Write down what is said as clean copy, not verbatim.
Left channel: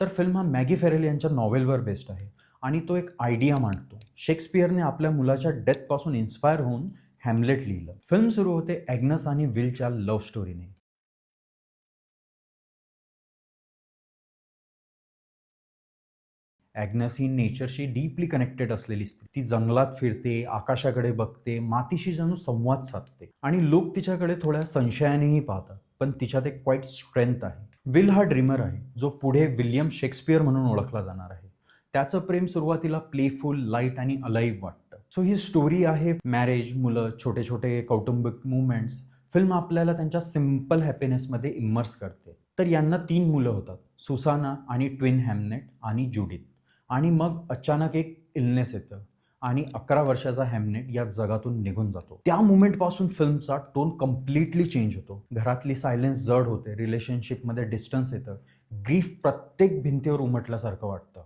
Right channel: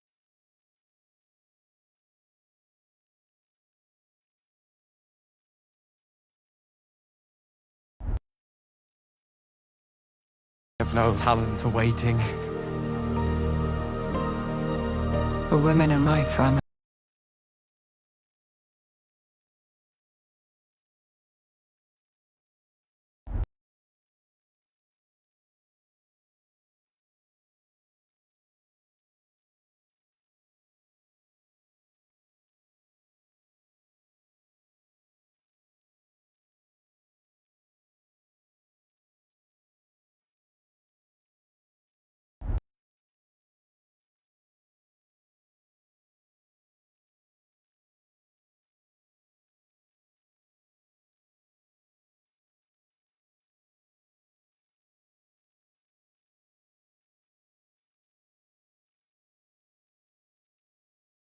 तर फिल्म हा मॅगी फेरेल यांच्या नॉव्हेलवर बेस्ड आहे आणि तो एक आयडिया मांडतो. शेक्सपियरने आपल्या मुलाच्या डेथपासून इन्स्पायर होऊन हॅमलेट लिहिलं. फिल्म सुरू होते ॲग्नस आणि विलच्या love स्टोरीने. Have no talent for waiting. The women in my family. Agnes ही नेचरशी डीपली कनेक्टेड असलेली स्त्री. ती जंगलात फिरते, आकाशाकडे बघते, मातीशी जणू संवाद साधते आणि लोक तिच्याकडे थोड्या संशयानेही पाहतात. पण तिच्यात एक क्वाईट स्ट्रेंथ आहे. विल हा ड्रीमर आहे, जो पुढे विल्यम शेक्सपियर म्हणून ओळखला जाणार आहे. त्याचं प्रेम सुरुवातीला प्लेफुल, लाईट आणि अलाईव्ह वाटतं. सो ही स्टोरी आहे मॅरेज, मुलं, छोटे छोटे कौटुंबिक मुवमेंट्स. फिल्म आपल्याला त्यांच्या सिम्पल हॅपीनेसमध्ये इमर्स करते. तर यांना 3 मुलं होतात, सुसाना आणि ट्विन हॅमनेट आणि जुडिथ. आणि मग अचानक एक इलनेस येतं आणि 11 वर्षाचा हॅमनेट या जगातून निघून जातो. त्या मोमेंटपासून फिल्मचा टोन कम्प्लिटली चेंज होतो. घरातली सायलेन्स जड होते, रिलेशनशिपमध्ये डिस्टन्स येतं, ग्रीफ प्रत्येक भिंतीवर उमटल्यासारखं वाटतं.